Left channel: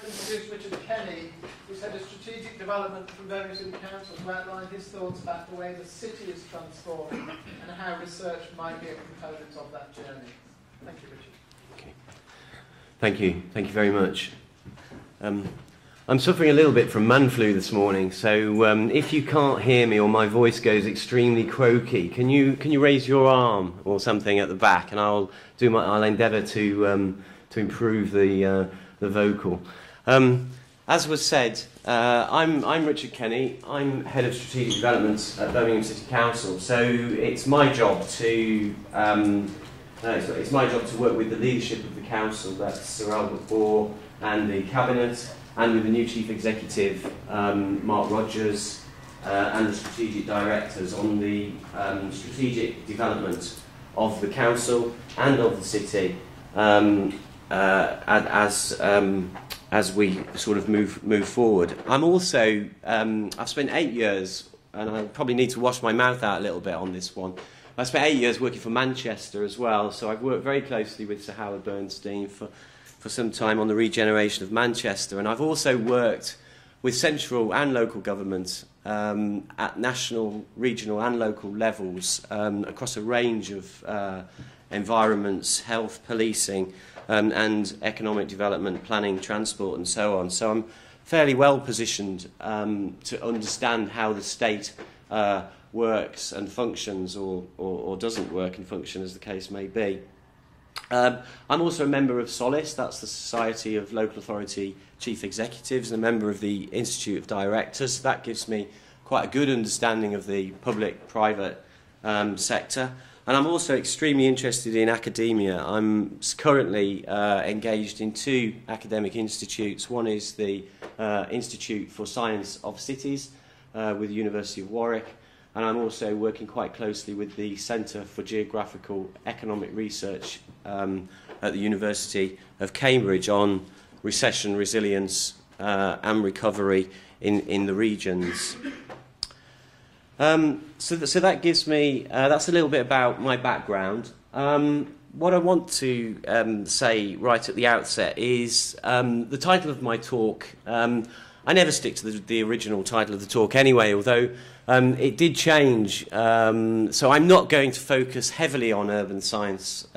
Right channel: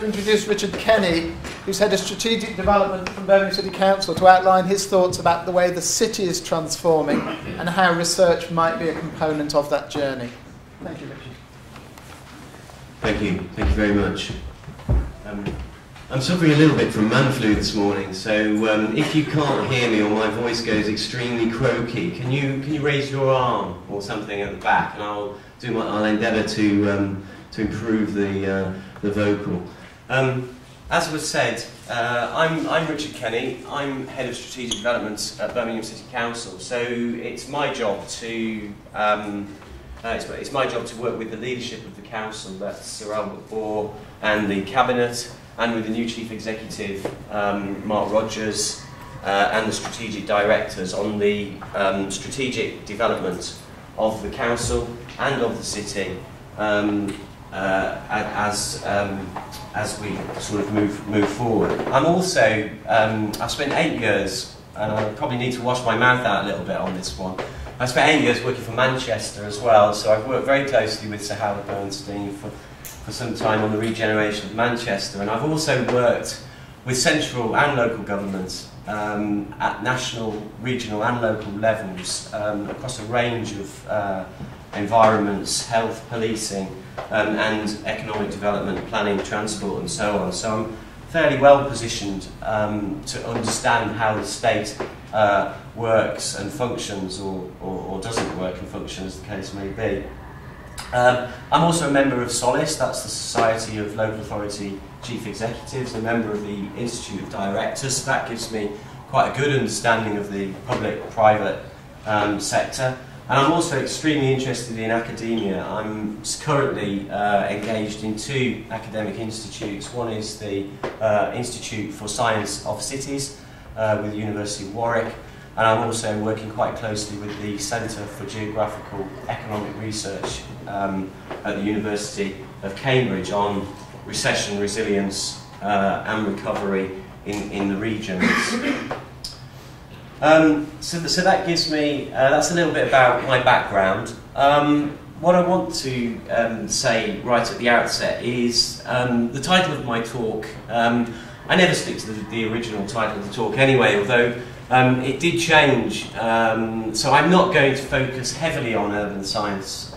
to introduce Richard Kenny, who's Head of Strategic Development from Birmingham City Council, to outline his thoughts about the way the city is transforming and how research might be a component of that journey. Thank you, Richard. Thank you. Thank you very much. I'm suffering a little bit from man flu this morning, so if you can't hear me or my voice goes extremely croaky, can you raise your arm or something at the back, and I'll endeavour to improve the vocal. As was said, I'm Richard Kenny. I'm Head of Strategic Development at Birmingham City Council. So it's my job to it's my job to work with the leadership of the council, that's Sir Albert Bohr, and the cabinet, and with the new chief executive, Mark Rogers, and the strategic directors on the strategic development of the council and of the city as we sort of move forward. I'm also I spent 8 years, and I probably need to wash my mouth out a little bit on this one. I spent 8 years working for Manchester as well, so I've worked very closely with Sir Howard Bernstein for some time on the regeneration of Manchester, and I've also worked with central and local governments at national, regional and local levels across a range of environments, health, policing and economic development, planning, transport and so on. So I'm fairly well positioned to understand how the state works and functions or doesn't work and function, as the case may be. I'm also a member of SOLIS, that's the Society of Local Authority Chief Executives, and a member of the Institute of Directors. That gives me quite a good understanding of the public-private sector. And I'm also extremely interested in academia. I'm currently engaged in 2 academic institutes. One is the Institute for Science of Cities with the University of Warwick, and I'm also working quite closely with the Centre for Geographical Economic Research at the University of Cambridge on recession, resilience and recovery in the regions. So that gives me, that's a little bit about my background. What I want to say right at the outset is the title of my talk. I never stick to the original title of the talk anyway, although it did change. So I'm not going to focus heavily on urban science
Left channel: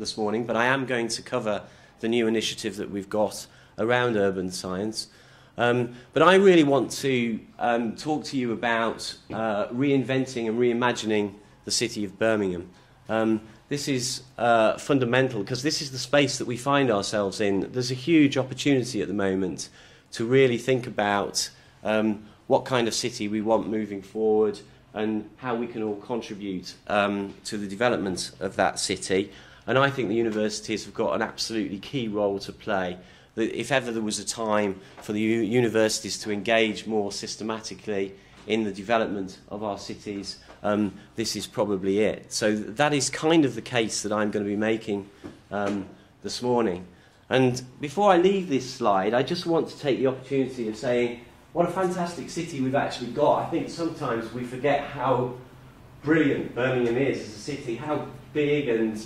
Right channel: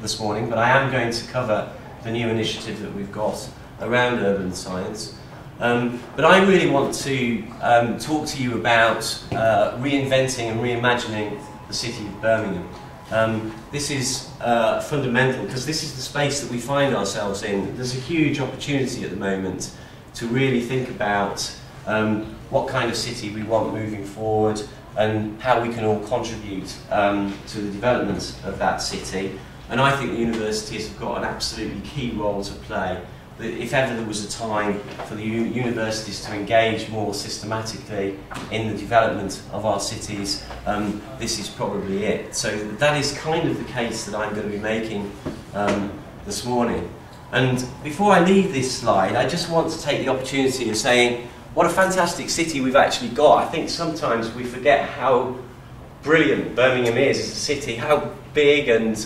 this morning, but I am going to cover the new initiative that we've got around urban science. But I really want to talk to you about reinventing and reimagining the city of Birmingham. This is fundamental because this is the space that we find ourselves in. There's a huge opportunity at the moment to really think about what kind of city we want moving forward and how we can all contribute to the development of that city. And I think the universities have got an absolutely key role to play. If ever there was a time for the universities to engage more systematically in the development of our cities, this is probably it. So that is kind of the case that I'm going to be making this morning. And before I leave this slide, I just want to take the opportunity of saying what a fantastic city we've actually got. I think sometimes we forget how brilliant Birmingham is as a city, how big and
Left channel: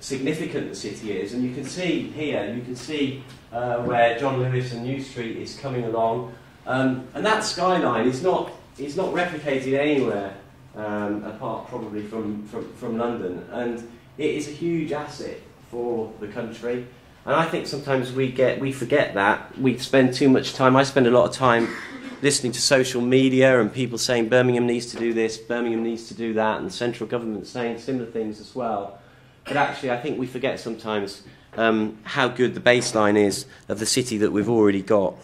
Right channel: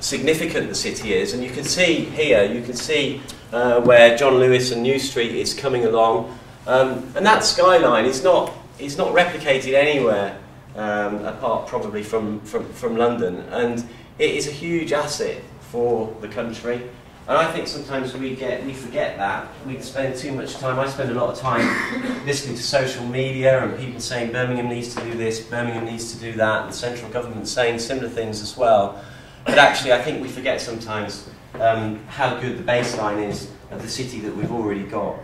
significant the city is, and you can see here, you can see where John Lewis and New Street is coming along, and that skyline is not replicated anywhere apart probably from London, and it is a huge asset for the country. And I think sometimes we forget that. We spend too much time, I spend a lot of time listening to social media and people saying Birmingham needs to do this, Birmingham needs to do that, and the central government saying similar things as well. But actually, I think we forget sometimes how good the baseline is of the city that we've already got.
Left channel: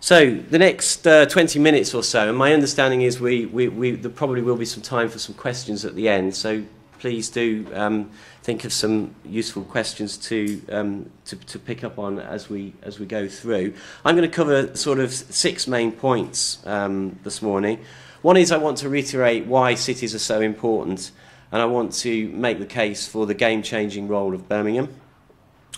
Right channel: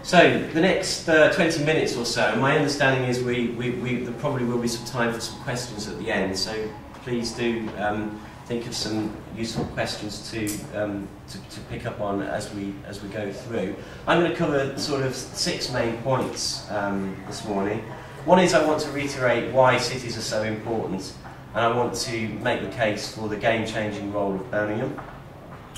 So, the next 20 minutes or so, my understanding is there probably will be some time for some questions at the end, so please do think of some useful questions to pick up on as we go through. I'm going to cover sort of 6 main points this morning. One is I want to reiterate why cities are so important, and I want to make the case for the game-changing role of Birmingham.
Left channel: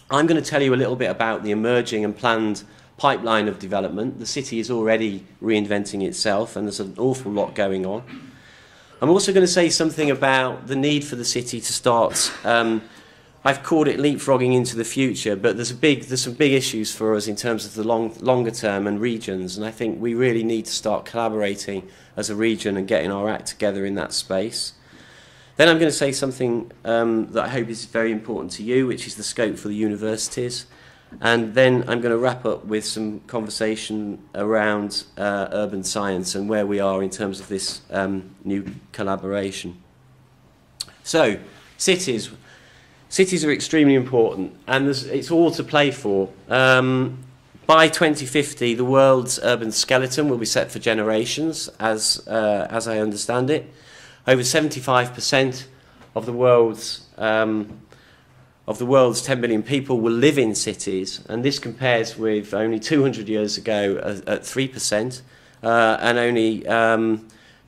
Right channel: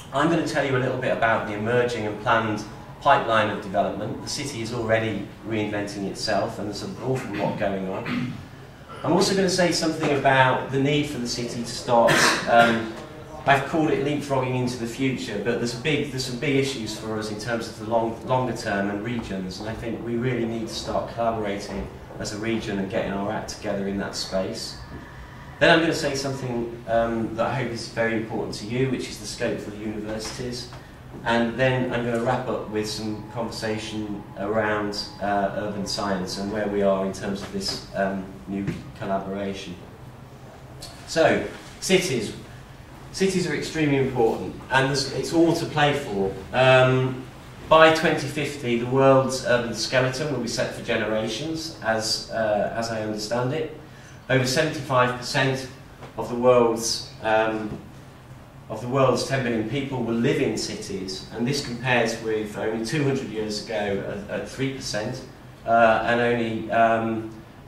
I'm going to tell you a little bit about the emerging and planned pipeline of development. The city is already reinventing itself, and there's an awful lot going on. I'm also going to say something about the need for the city to start I've called it leapfrogging into the future, but there's some big issues for us in terms of the longer term and regions, and I think we really need to start collaborating as a region and getting our act together in that space. Then I'm going to say something that I hope is very important to you, which is the scope for the universities. And then I'm going to wrap up with some conversation around urban science and where we are in terms of this new collaboration. So, cities. Cities are extremely important, and it's all to play for. By 2050, the world's urban skeleton will be set for generations, as I understand it. Over 75% of the world's 10 billion people will live in cities, and this compares with only 200 years ago at 3%, and only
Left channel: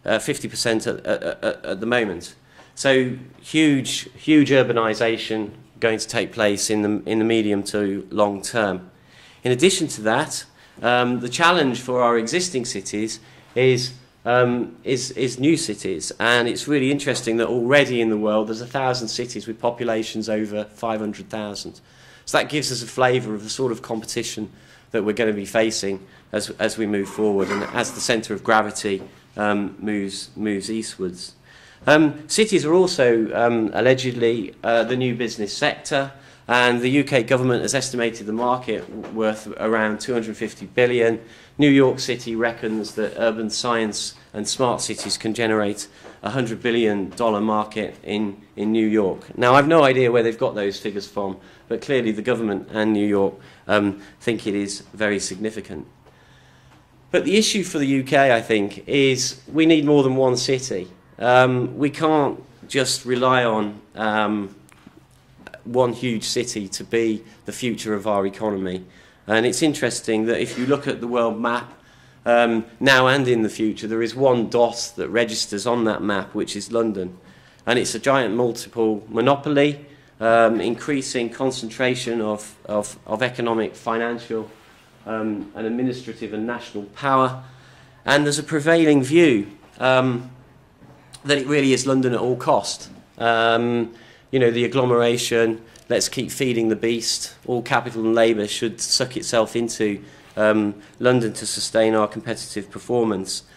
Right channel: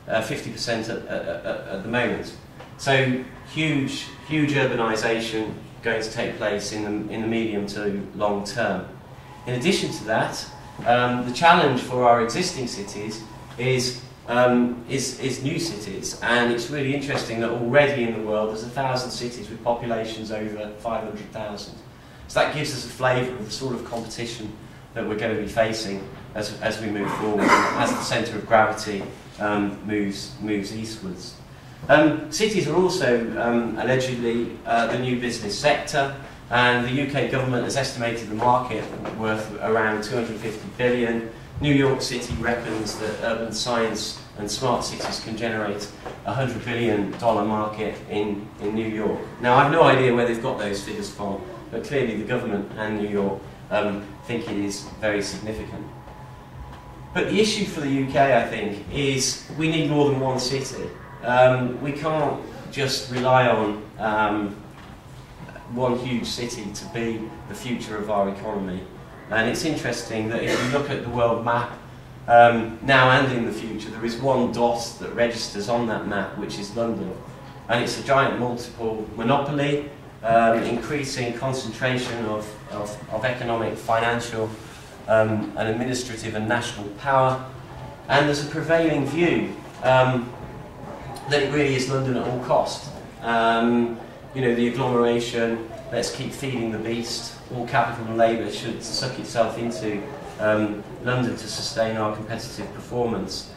50% at the moment. So huge urbanisation going to take place in the medium to long term. In addition to that, the challenge for our existing cities is new cities, and it's really interesting that already in the world there's 1,000 cities with populations over 500,000. So that gives us a flavour of the sort of competition that we're going to be facing as we move forward, and as the centre of gravity moves eastwards. Cities are also allegedly the new business sector, and the UK government has estimated the market worth around 250 billion. New York City reckons that urban science and smart cities can generate a $100 billion market in New York. Now, I've no idea where they've got those figures from, but clearly the government and New York think it is very significant. But the issue for the UK, I think, is we need more than one city. We can't just rely on one huge city to be the future of our economy. And it's interesting that if you look at the world map, now and in the future, there is one dot that registers on that map, which is London. And it's a giant multiple monopoly, increasing concentration of economic, financial, and administrative and national power. And there's a prevailing view that it really is London at all cost. You know, the agglomeration, let's keep feeding the beast, all capital and labour should suck itself into London to sustain our competitive performance.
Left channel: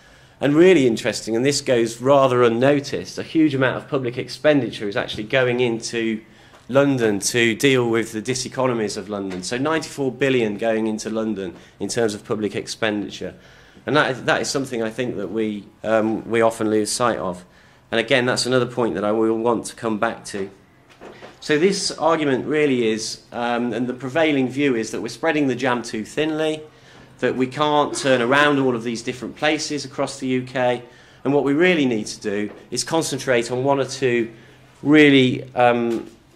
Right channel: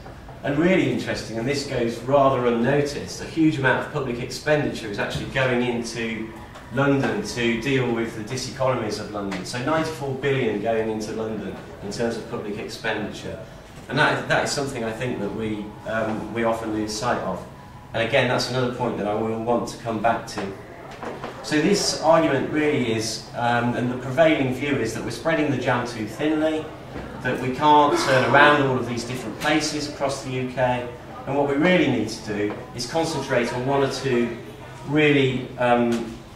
And really interesting, and this goes rather unnoticed, a huge amount of public expenditure is actually going into London to deal with the diseconomies of London. So 94 billion going into London in terms of public expenditure. And that is something I think that we often lose sight of. And again, that's another point that I will want to come back to. So this argument really is, and the prevailing view is that we're spreading the jam too thinly, that we can't turn around all of these different places across the UK, and what we really need to do is concentrate on one or two really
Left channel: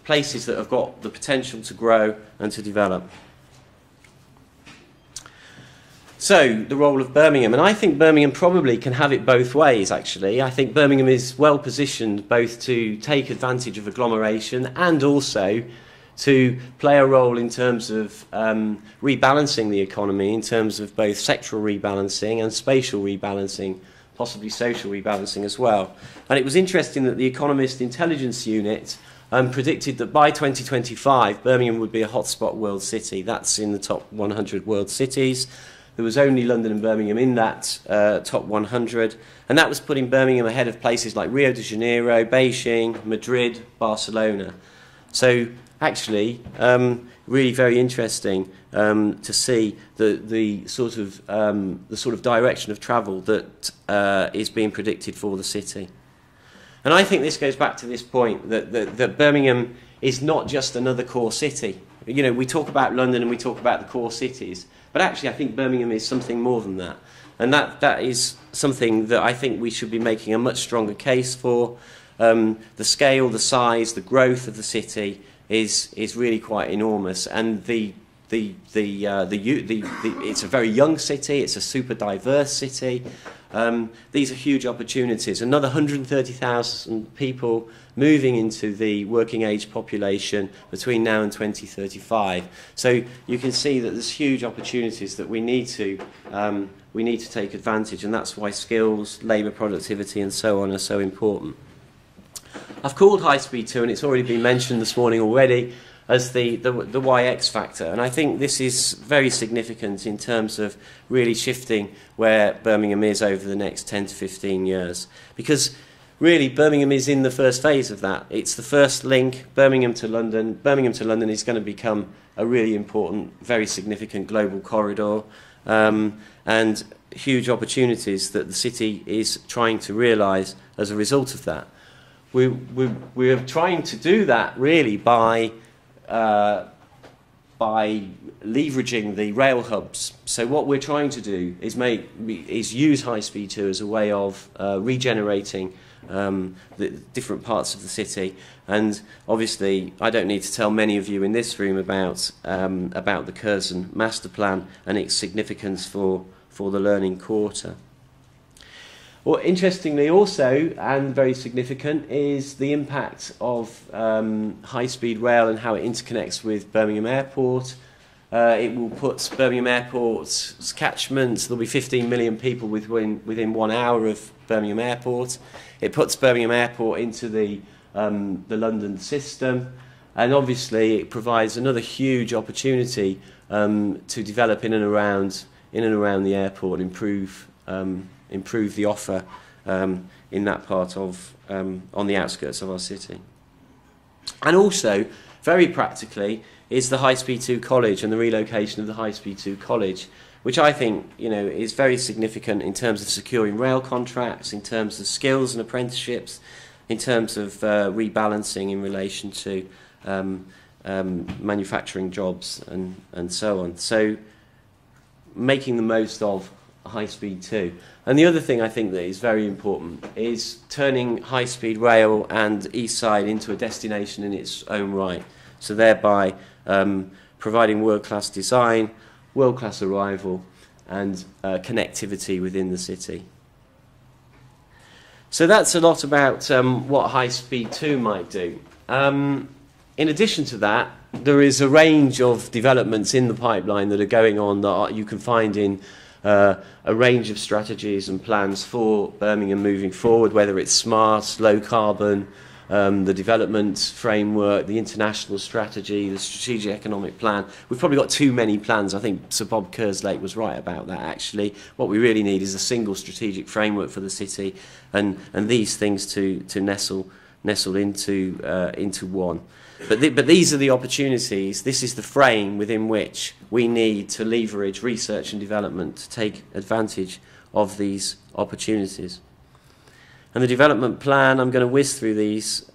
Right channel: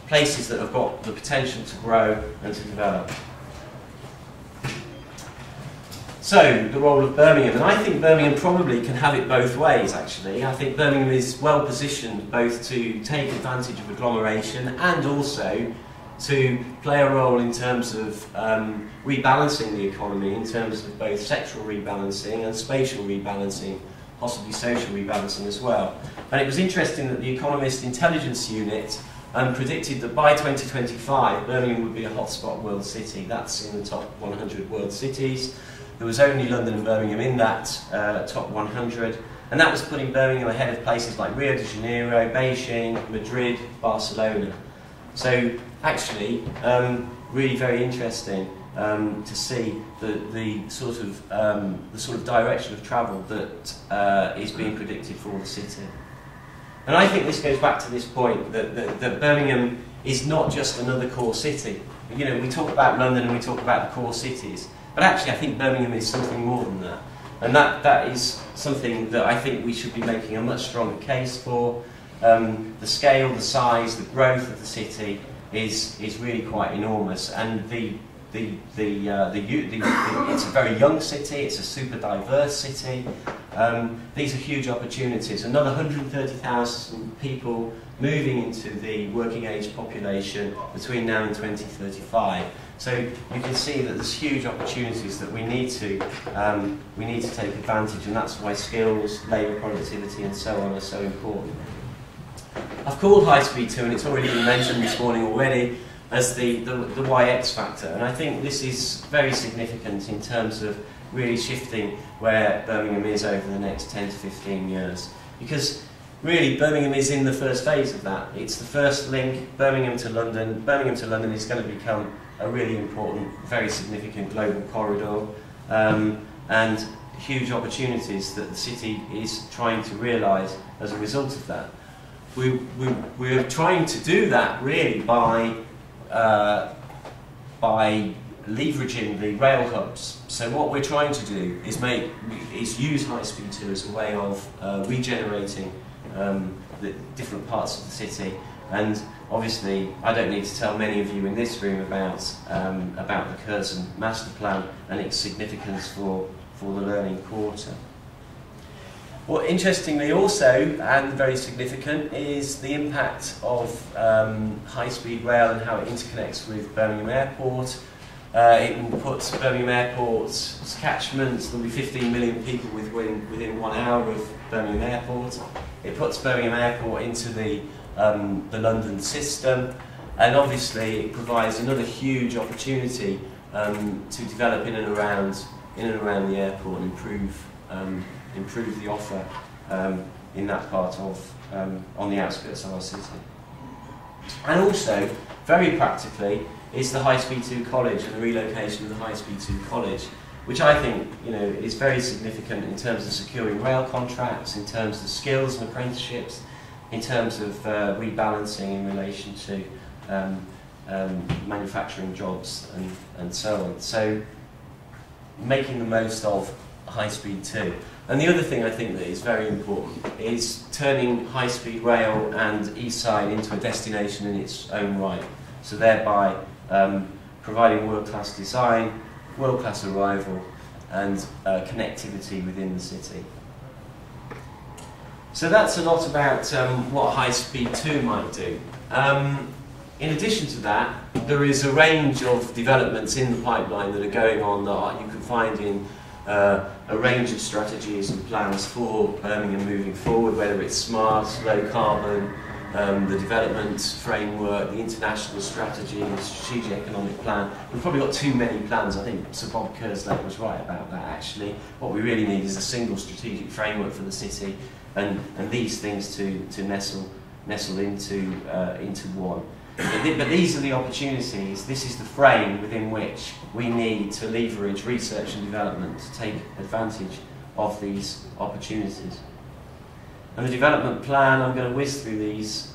places that have got the potential to grow and to develop. So, the role of Birmingham, and I think Birmingham probably can have it both ways actually. I think Birmingham is well positioned both to take advantage of agglomeration and also to play a role in terms of rebalancing the economy, in terms of both sectoral rebalancing and spatial rebalancing, possibly social rebalancing as well. And it was interesting that the Economist Intelligence Unit predicted that by 2025 Birmingham would be a hotspot world city. That's in the top 100 world cities. There was only London and Birmingham in that top 100, and that was putting Birmingham ahead of places like Rio de Janeiro, Beijing, Madrid, Barcelona. So actually, really very interesting to see the sort of direction of travel that is being predicted for the city. And I think this goes back to this point that Birmingham is not just another core city. You know, we talk about London and we talk about the core cities. But actually, I think Birmingham is something more than that. And that is something that I think we should be making a much stronger case for. The scale, the size, the growth of the city is really quite enormous. And it's a very young city, it's a super diverse city. These are huge opportunities. Another 130,000 people moving into the working age population between now and 2035. So you can see that there's huge opportunities that we need to take advantage, and that's why skills, labour productivity and so on are so important. I've called High Speed 2, and it's already been mentioned this morning already, as the YX factor. And I think this is very significant in terms of really shifting where Birmingham is over the next 10 to 15 years. Because really, Birmingham is in the first phase of that. It's the first link, Birmingham to London. Birmingham to London is going to become a really important, very significant global corridor, and huge opportunities that the city is trying to realise as a result of that. We're trying to do that really by leveraging the rail hubs. So what we're trying to do is use High Speed 2 as a way of regenerating the different parts of the city. And obviously, I don't need to tell many of you in this room about the Curzon Master Plan and its significance for the Learning Quarter. Well, interestingly also, and very significant, is the impact of high-speed rail and how it interconnects with Birmingham Airport. It will put Birmingham Airport's catchment, there'll be 15 million people within 1 hour of Birmingham Airport. It puts Birmingham Airport into the London system, and obviously it provides another huge opportunity to develop in and around the airport, improve the offer in that part of on the outskirts of our city. And also, very practically, is the High Speed 2 College and the relocation of the High Speed 2 College, which I think is very significant in terms of securing rail contracts, in terms of skills and apprenticeships, in terms of rebalancing in relation to manufacturing jobs and so on. So making the most of High Speed 2. And the other thing I think that is very important is turning high speed rail and East Side into a destination in its own right. So thereby providing world-class design, world-class arrival and connectivity within the city. So that's a lot about what High Speed 2 might do. In addition to that, there is a range of developments in the pipeline that are going on that you can find in a range of strategies and plans for Birmingham moving forward, whether it's smart, low carbon, the development framework, the international strategy, the strategic economic plan. We've probably got too many plans. I think Sir Bob Kerslake was right about that, actually. What we really need is a single strategic framework for the city, and these things to nestle into one. But these are the opportunities, this is the frame within which we need to leverage research and development to take advantage of these opportunities. And the development plan, I'm going to whiz through these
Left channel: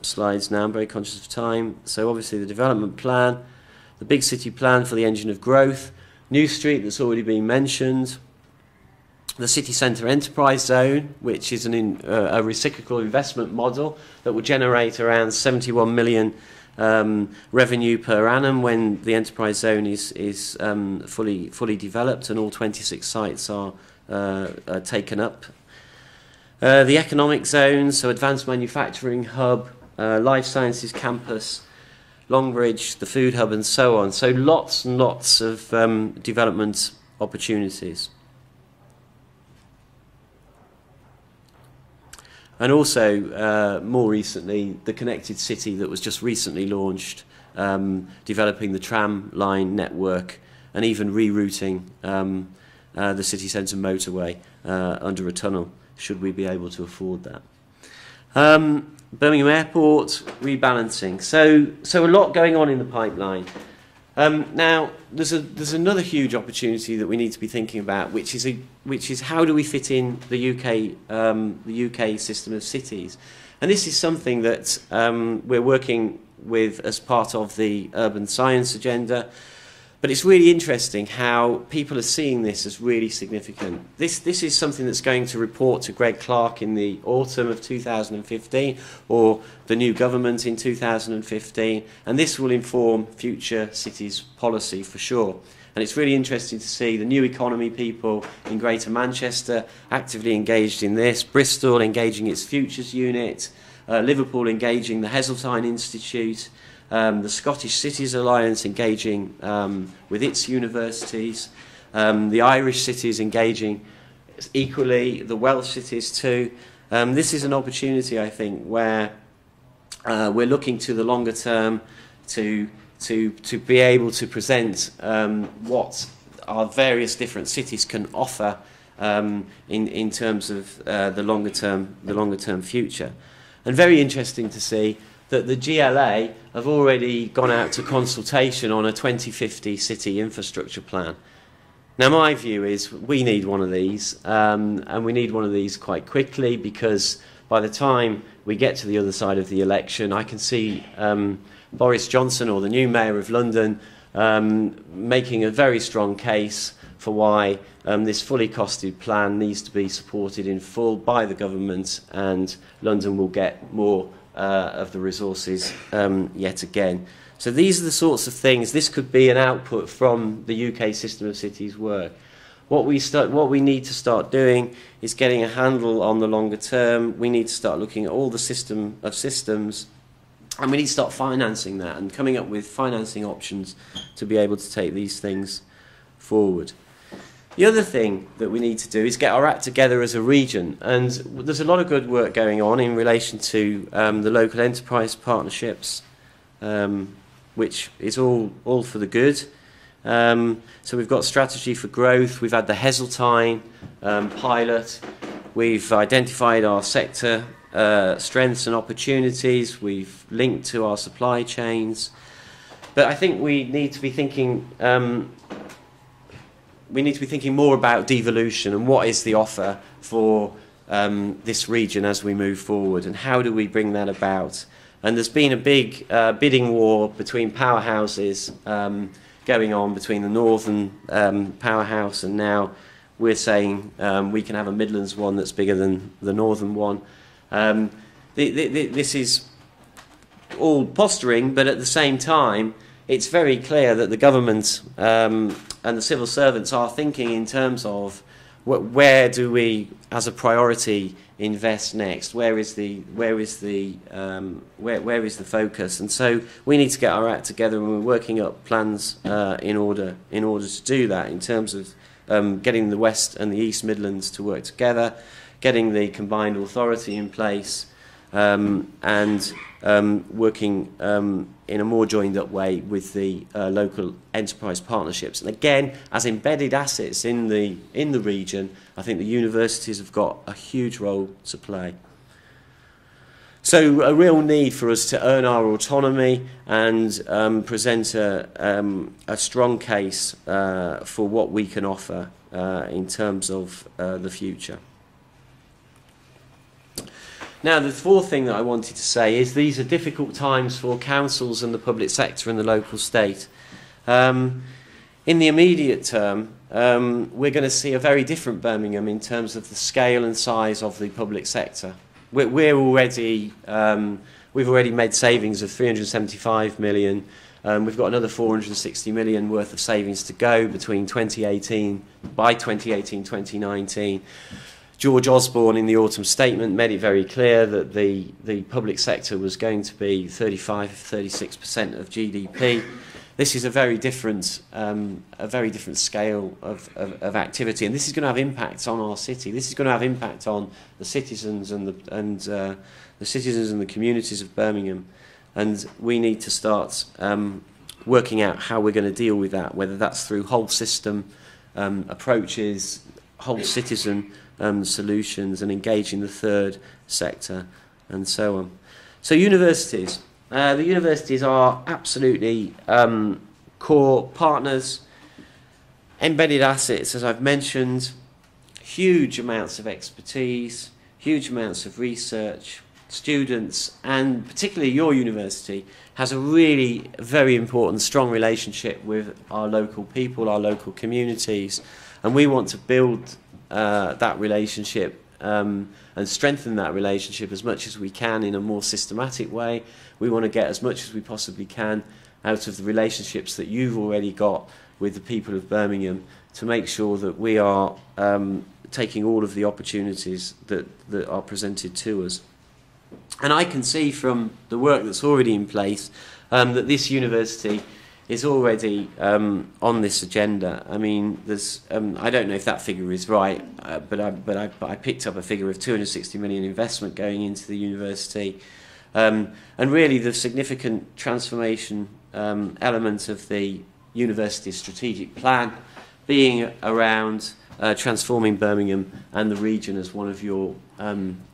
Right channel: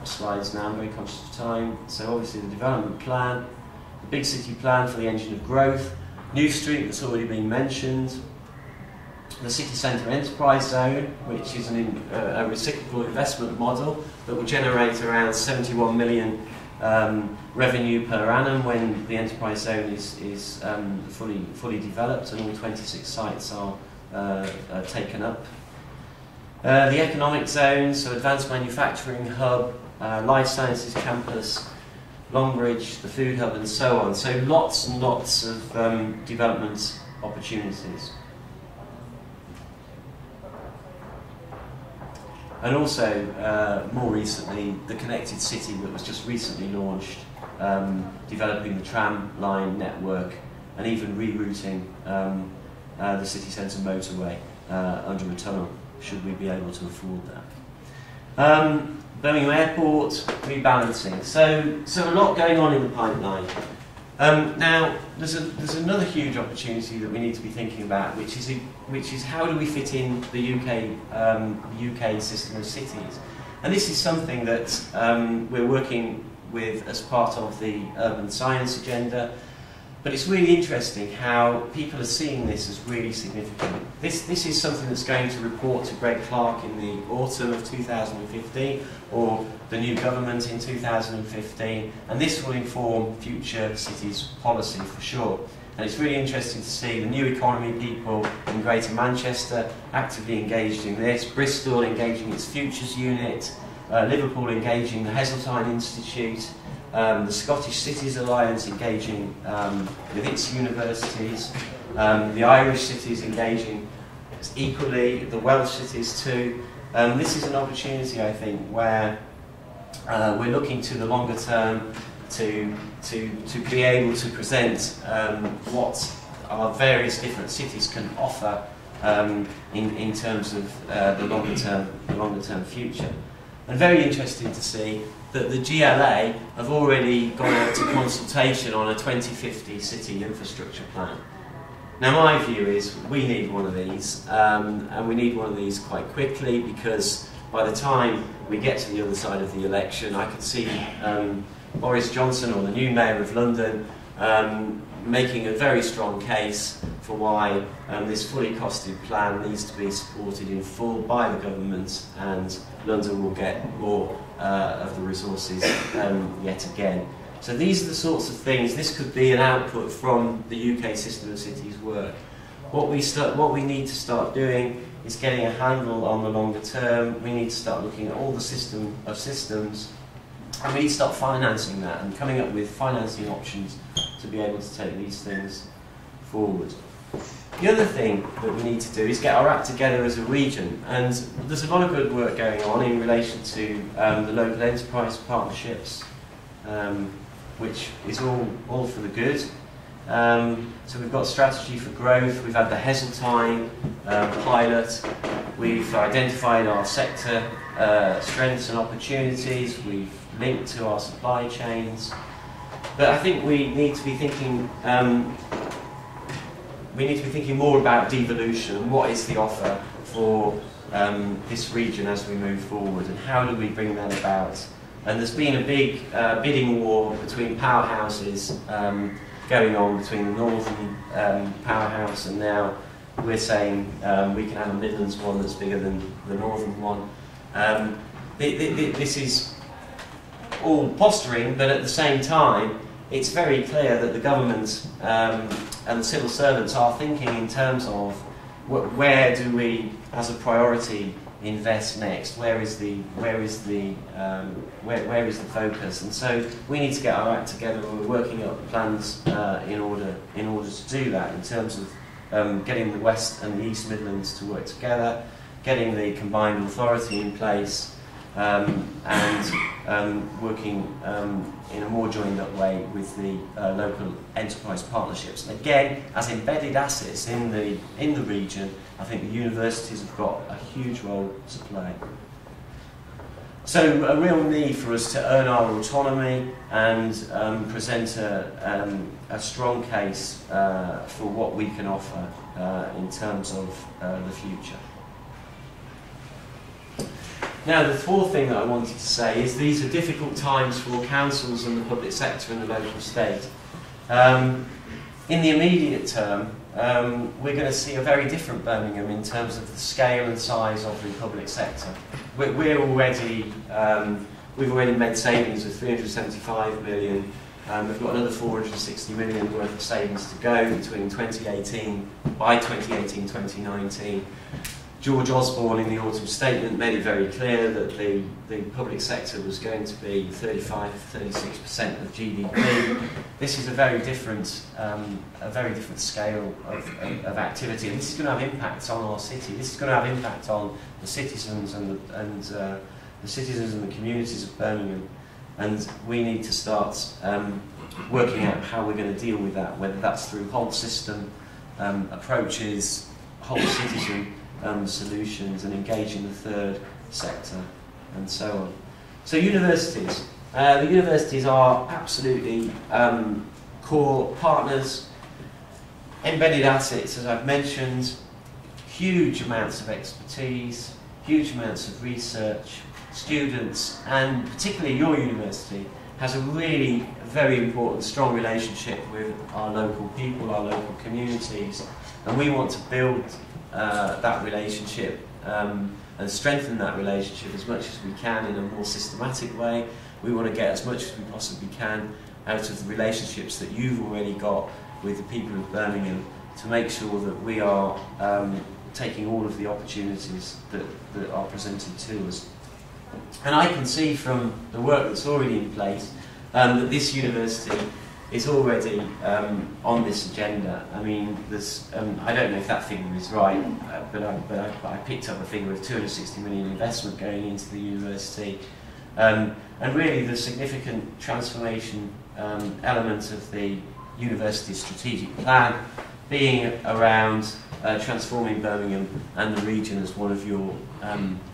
slides now, I'm very conscious of time. So obviously the development plan, the big city plan for the engine of growth, New Street that's already been mentioned, the city centre enterprise zone, which is a reciprocal investment model that will generate around 71 million revenue per annum when the enterprise zone is fully developed and all 26 sites are taken up. The economic zone, so advanced manufacturing hub, life sciences campus, Longbridge, the food hub and so on. So lots and lots of development opportunities. And also, more recently, the connected city that was just recently launched, developing the tram line network and even rerouting the city centre motorway under a tunnel, should we be able to afford that. Birmingham Airport, rebalancing. So a lot going on in the pipeline. Now, there's another huge opportunity that we need to be thinking about, which is how do we fit in the UK system of cities, and this is something that we're working with as part of the urban science agenda. But it's really interesting how people are seeing this as really significant. This is something that's going to report to Greg Clark in the autumn of 2015, or the new government in 2015, and this will inform future cities policy for sure. And it's really interesting to see the new economy people in Greater Manchester actively engaged in this, Bristol engaging its Futures Unit, Liverpool engaging the Heseltine Institute, the Scottish Cities Alliance engaging with its universities, the Irish cities engaging equally, the Welsh cities too. This is an opportunity, I think, where we're looking to the longer term to be able to present what our various different cities can offer in terms of the longer term future. And very interesting to see that the GLA have already gone out to consultation on a 2050 city infrastructure plan. Now my view is we need one of these, and we need one of these quite quickly, because by the time we get to the other side of the election, I can see Boris Johnson, or the new Mayor of London, making a very strong case for why this fully costed plan needs to be supported in full by the government, and London will get more of the resources yet again. So these are the sorts of things. This could be an output from the UK system of cities work. What we need to start doing is getting a handle on the longer term. We need to start looking at all the system of systems, and we need to start financing that and coming up with financing options to be able to take these things forward. The other thing that we need to do is get our act together as a region, and there's a lot of good work going on in relation to the local enterprise partnerships, which is all for the good. So we've got strategy for growth, we've had the Heseltine pilot, we've identified our sector strengths and opportunities, we've linked to our supply chains, but I think we need to be thinking more about devolution and what is the offer for this region as we move forward, and how do we bring that about. And there's been a big bidding war between powerhouses going on between the northern powerhouse, and now we're saying we can have a Midlands one that's bigger than the northern one. This is all posturing, but at the same time it's very clear that the government and the civil servants are thinking in terms of where do we as a priority invest next, where is the focus. And so we need to get our act together, and we're working up plans in order to do that, in terms of getting the West and the East Midlands to work together, getting the combined authority in place, and working in a more joined up way with the local enterprise partnerships. And again, as embedded assets in the region, I think the universities have got a huge role to play. So a real need for us to earn our autonomy and present a strong case for what we can offer in terms of the future. Now, the fourth thing that I wanted to say is these are difficult times for councils and the public sector and the local state. In the immediate term, we're going to see a very different Birmingham in terms of the scale and size of the public sector. We've already made savings of 375 million. We've got another 460 million worth of savings to go between 2018-2019. George Osborne in the autumn statement made it very clear that the public sector was going to be 35-36% of GDP. This is a very different scale of activity, and this is going to have impacts on our city. This is going to have impact on the citizens and the communities of Birmingham, and we need to start working out how we're going to deal with that, whether that's through whole system approaches, whole citizen solutions, and engaging the third sector, and so on. So universities. The universities are absolutely core partners, embedded assets, as I've mentioned, huge amounts of expertise, huge amounts of research, students, and particularly your university has a really very important, strong relationship with our local people, our local communities, and we want to build that relationship and strengthen that relationship as much as we can in a more systematic way. We want to get as much as we possibly can out of the relationships that you've already got with the people of Birmingham, to make sure that we are taking all of the opportunities that are presented to us. And I can see from the work that's already in place that this university is already on this agenda. I mean, there's I don't know if that figure is right, but I picked up a figure of 260 million investment going into the university. And really the significant transformation element of the university's strategic plan being around transforming Birmingham and the region as one of your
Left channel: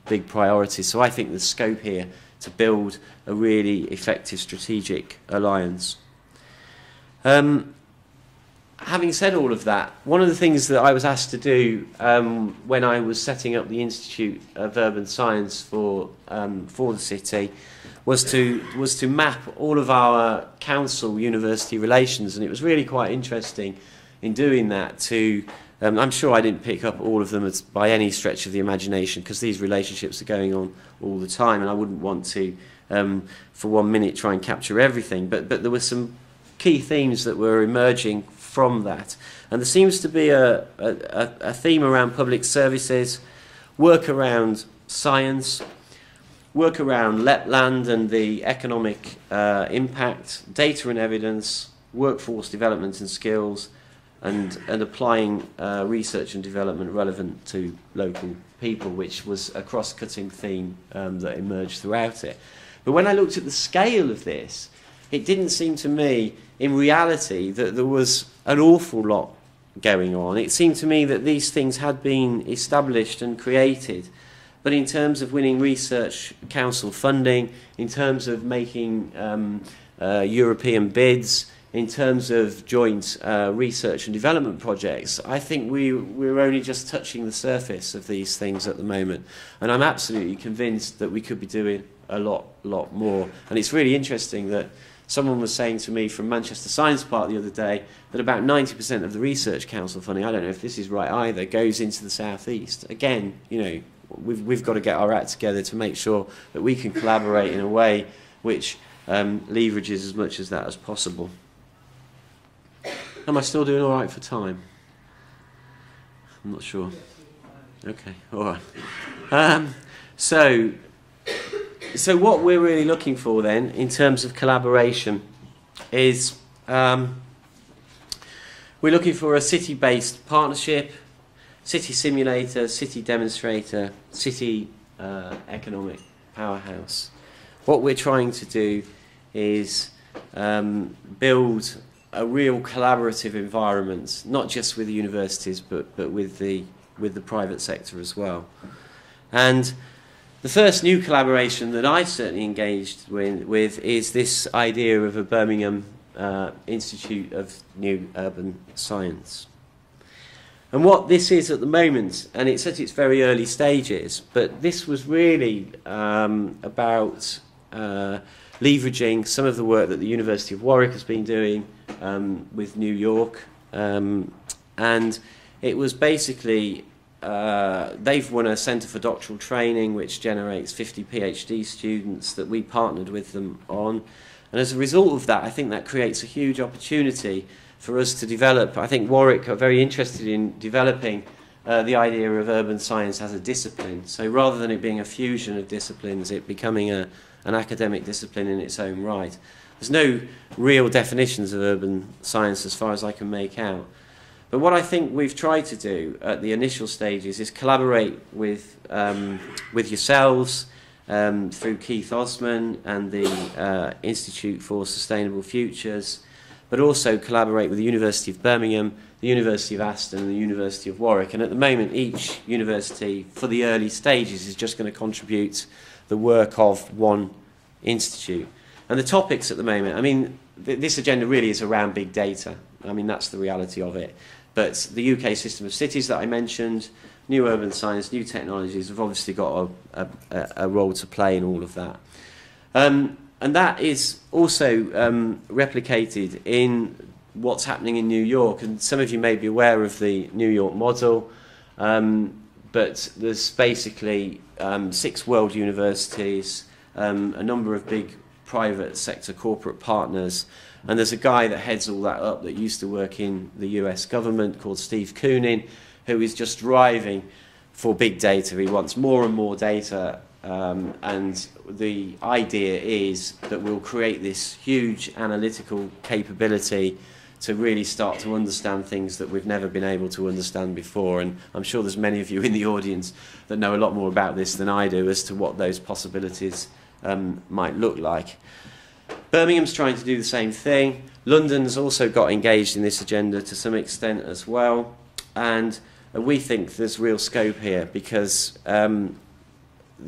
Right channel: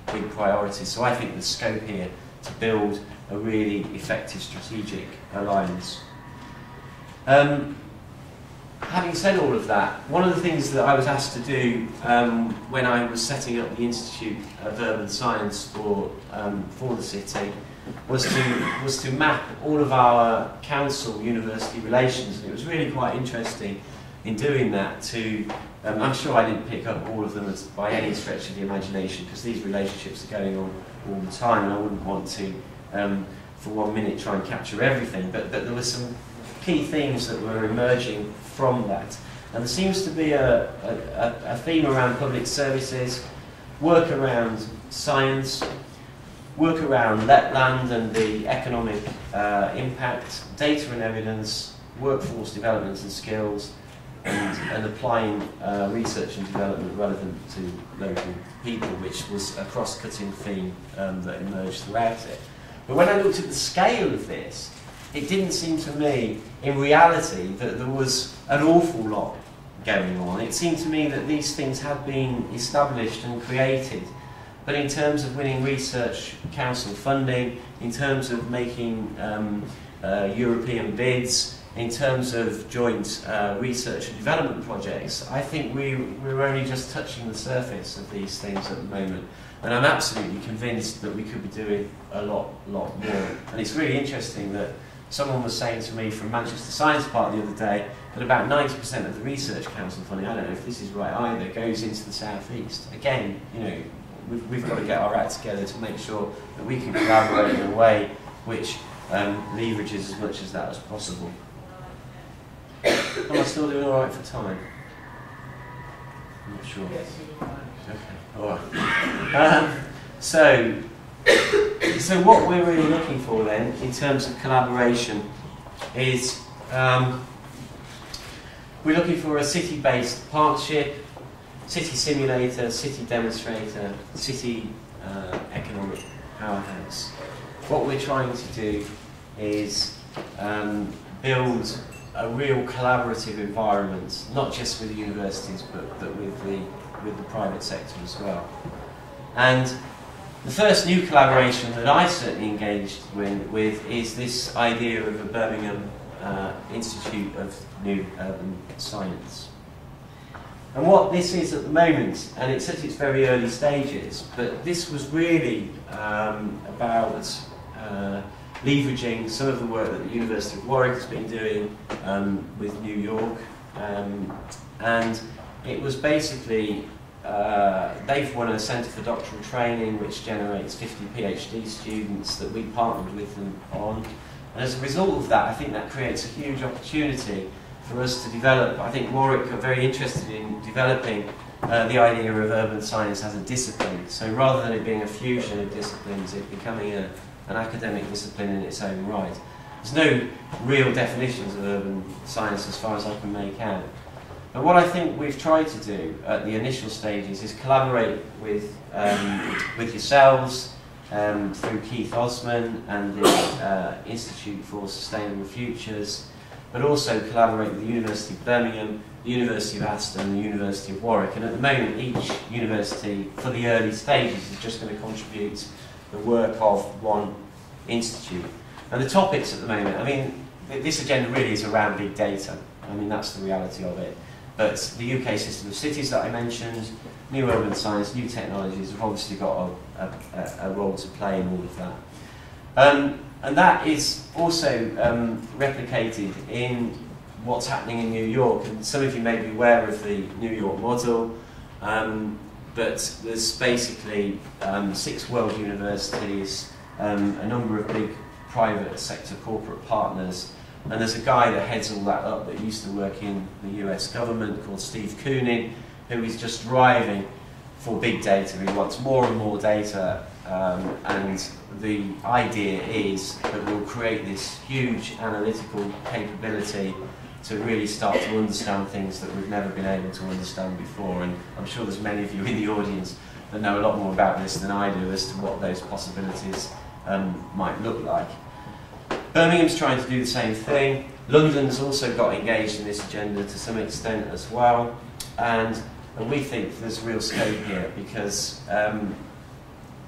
big priorities. So I think there's scope here to build a really effective strategic alliance. Having said all of that, one of the things that I was asked to do when I was setting up the Institute of Urban Science for the city was to map all of our council-university relations, and it was really quite interesting in doing that to I'm sure I didn't pick up all of them by any stretch of the imagination, because these relationships are going on all the time, and I wouldn't want to for 1 minute try and capture everything, but there were some key themes that were emerging from that, and there seems to be a theme around public services, work around science, work around land and the economic impact, data and evidence, workforce development and skills, and applying research and development relevant to local people, which was a cross-cutting theme that emerged throughout it. But when I looked at the scale of this, it didn't seem to me, in reality, that there was an awful lot going on. It seemed to me that these things had been established and created, but in terms of winning research council funding, in terms of making European bids, in terms of joint research and development projects, I think we're only just touching the surface of these things at the moment. And I'm absolutely convinced that we could be doing a lot more. And it's really interesting that someone was saying to me from Manchester Science Park the other day that about 90% of the research council funding, I don't know if this is right either, goes into the southeast. Again, you know, we've got to get our act together to make sure that we can collaborate in a way which leverages as much as that as possible. Am I still doing all right for time? I'm not sure. Okay, all right. So what we're really looking for then, in terms of collaboration, is we're looking for a city-based partnership, city simulator, city demonstrator, city economic powerhouse. What we're trying to do is build a real collaborative environment, not just with the universities, but with the private sector as well. And the first new collaboration that I certainly engaged with is this idea of a Birmingham Institute of New Urban Science. And what this is at the moment, and it's at its very early stages, but this was really about leveraging some of the work that the University of Warwick has been doing with New York, and it was basically they've won a Centre for Doctoral Training which generates 50 PhD students that we partnered with them on, and as a result of that I think that creates a huge opportunity for us to develop. I think Warwick are very interested in developing the idea of urban science as a discipline, so rather than it being a fusion of disciplines, it becoming an academic discipline in its own right. There's no real definitions of urban science as far as I can make out. But what I think we've tried to do at the initial stages is collaborate with yourselves through Keith Osman and the Institute for Sustainable Futures, but also collaborate with the University of Birmingham, the University of Aston and the University of Warwick. And at the moment each university for the early stages is just going to contribute the work of one institute. And the topics at the moment, I mean, this agenda really is around big data. I mean, that's the reality of it. But the UK system of cities that I mentioned, new urban science, new technologies have obviously got a role to play in all of that. And that is also replicated in what's happening in New York. And some of you may be aware of the New York model. But there's basically 6 world universities, a number of big private sector corporate partners, and there's a guy that heads all that up that used to work in the US government called Steve Koonin, who is just driving for big data. He wants more and more data, and the idea is that we'll create this huge analytical capability to really start to understand things that we've never been able to understand before. And I'm sure there's many of you in the audience that know a lot more about this than I do as to what those possibilities might look like. Birmingham's trying to do the same thing. London's also got engaged in this agenda to some extent as well, and we think there's real scope here because and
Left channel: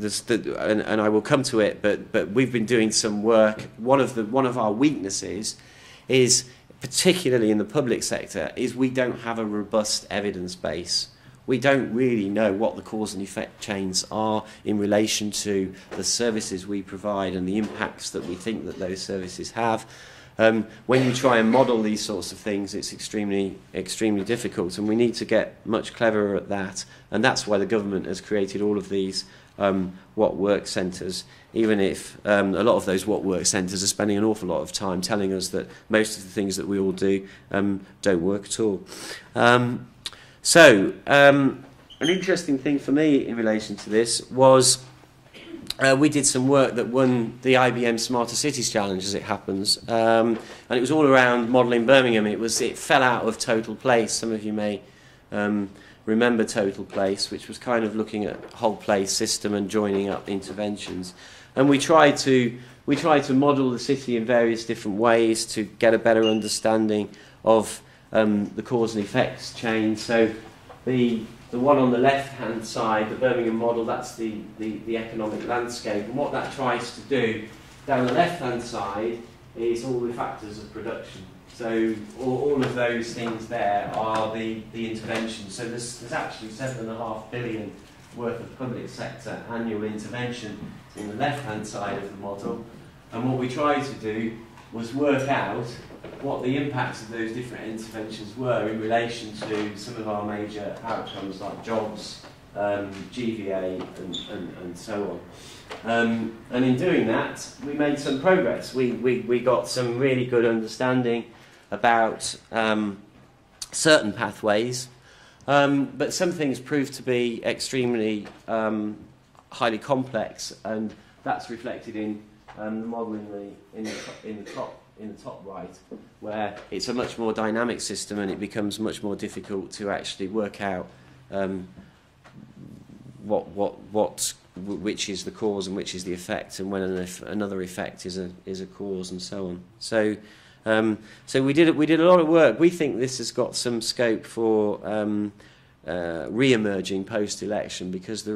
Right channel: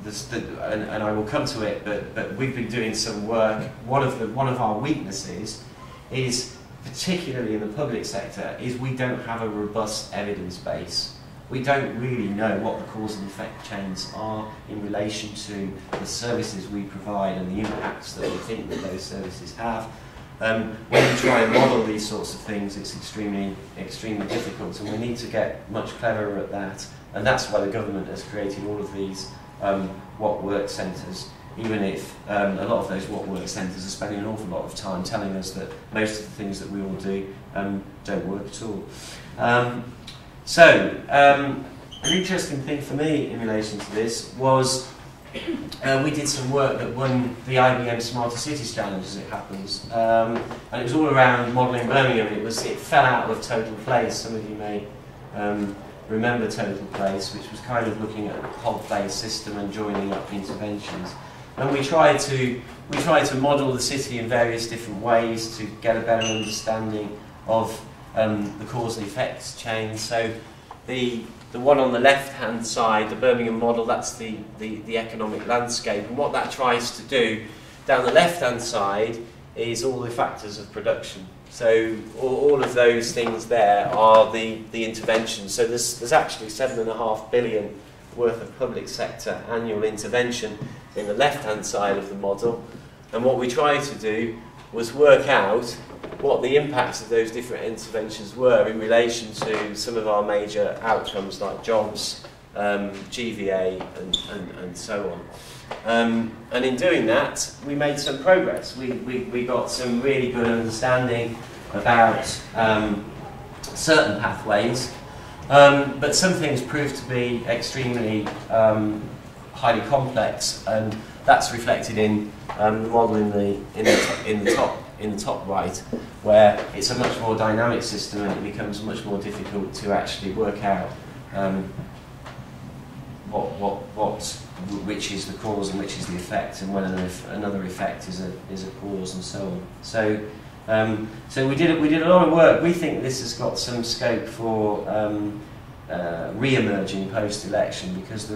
I will come to it, but we've been doing some work. One of our weaknesses is, particularly in the public sector, is we don't have a robust evidence base. We don't really know what the cause and effect chains are in relation to the services we provide and the impacts that we think that those services have. When you try and model these sorts of things, it's extremely difficult, and we need to get much cleverer at that. And that's why the government has created all of these what work centres, even if a lot of those what work centres are spending an awful lot of time telling us that most of the things that we all do don't work at all. An interesting thing for me in relation to this was we did some work that won the IBM Smarter Cities Challenge, as it happens, and it was all around modelling Birmingham. It fell out of Total Place. Some of you may remember Total Place, which was kind of looking at the whole place system and joining up interventions. And we tried to model the city in various different ways to get a better understanding of the cause and effects chain. So the one on the left-hand side, the Birmingham model, that's the economic landscape. And what that tries to do down the left-hand side is all the factors of production. So all of those things there are the interventions. So there's actually $7.5 billion worth of public sector annual intervention in the left-hand side of the model. And what we tried to do was work out what the impacts of those different interventions were in relation to some of our major outcomes like jobs, GVA and so on. And in doing that, we made some progress. We got some really good understanding about certain pathways, but some things proved to be extremely highly complex, and that's reflected in the model in the top right, where it's a much more dynamic system and it becomes much more difficult to actually work out which is the cause and which is the effect, and when another effect is a cause, and so on. So we did a lot of work. We think this has got some scope for re-emerging post-election, because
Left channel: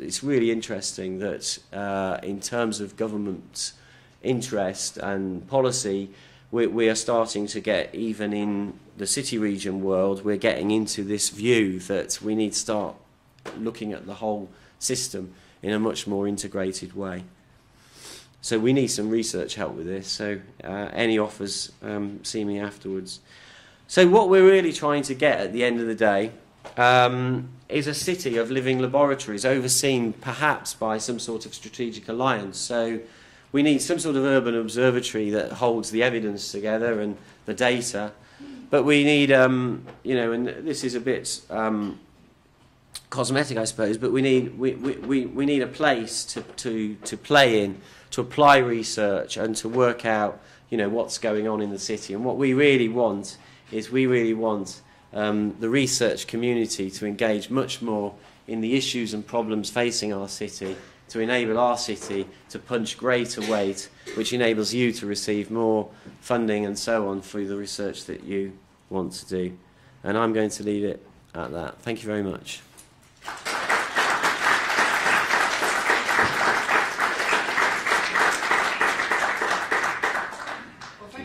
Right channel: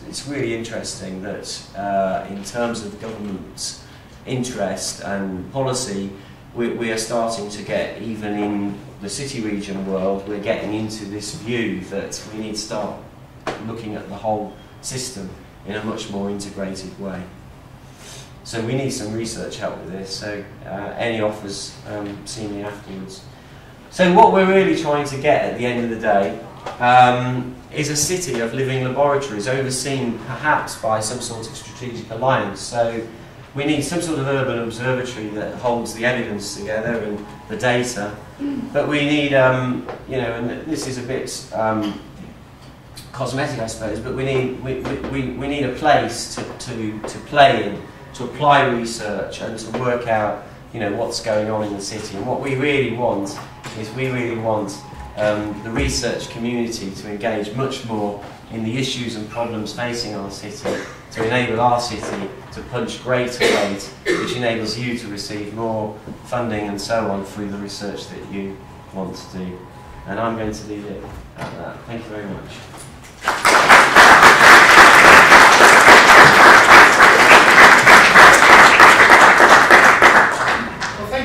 it's really interesting that in terms of government's interest and policy, we are starting to get, even in the city region world, we're getting into this view that we need to start looking at the whole system in a much more integrated way. So we need some research help with this, so any offers, see me afterwards. So what we're really trying to get at the end of the day is a city of living laboratories, overseen perhaps by some sort of strategic alliance. So we need some sort of urban observatory that holds the evidence together and the data, but we need, and this is a bit cosmetic, I suppose, but we need a place to play in, to apply research and to work out, what's going on in the city. And what we really want is the research community to engage much more in the issues and problems facing our city, to enable our city to punch greater weight, which enables you to receive more funding and so on through the research that you want to do. And I'm going to leave it at that. Thank you very much.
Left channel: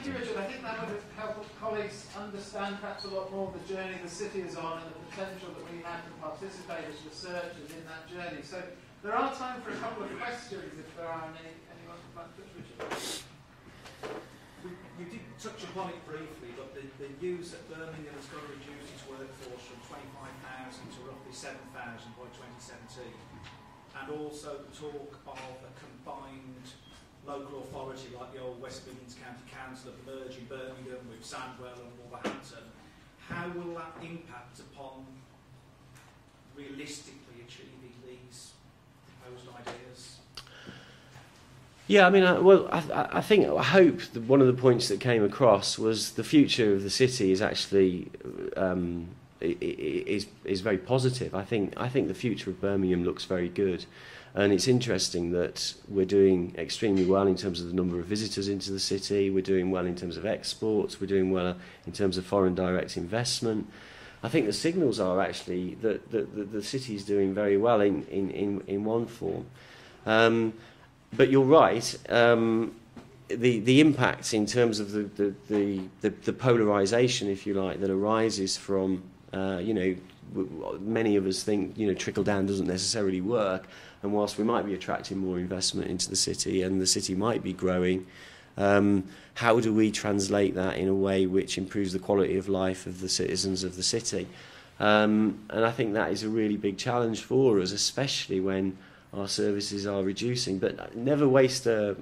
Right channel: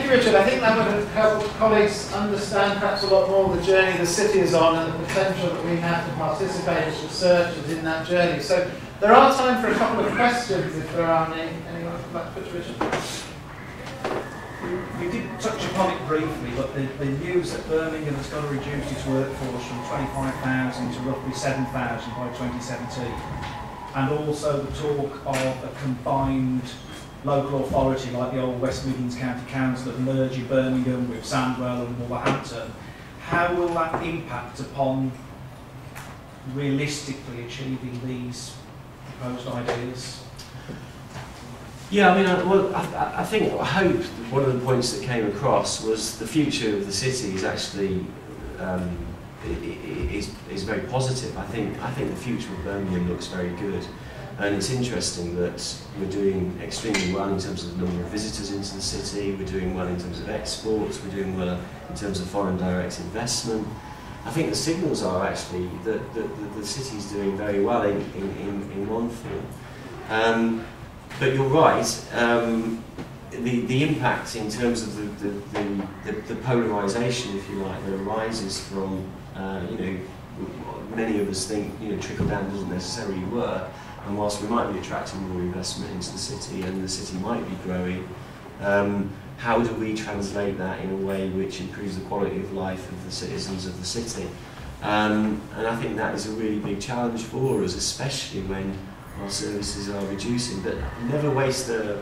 Richard, I think that would have helped colleagues understand perhaps a lot more the journey the city is on and the potential that we have to participate as researchers in that journey. So there are time for a couple of questions if there are any. Anyone would like to put to Richard? You did touch upon it briefly, but the news that Birmingham has got to reduce its workforce from 25,000 to roughly 7,000 by 2017, and also the talk of a combined local authority like the old West Midlands County Council of merging Birmingham with Sandwell and Wolverhampton. How will that impact upon realistically achieving these proposed ideas? Yeah, I hope that one of the points that came across was the future of the city is actually is very positive. I think the future of Birmingham looks very good. And it's interesting that we're doing extremely well in terms of the number of visitors into the city, we're doing well in terms of exports, we're doing well in terms of foreign direct investment. I think the signals are actually that the city is doing very well in one form. But you're right, the impact in terms of the polarisation, if you like, that arises from, many of us think, trickle down doesn't necessarily work. And whilst we might be attracting more investment into the city and the city might be growing, how do we translate that in a way which improves the quality of life of the citizens of the city? And I think that is a really big challenge for us, especially when our services are reducing. But never waste a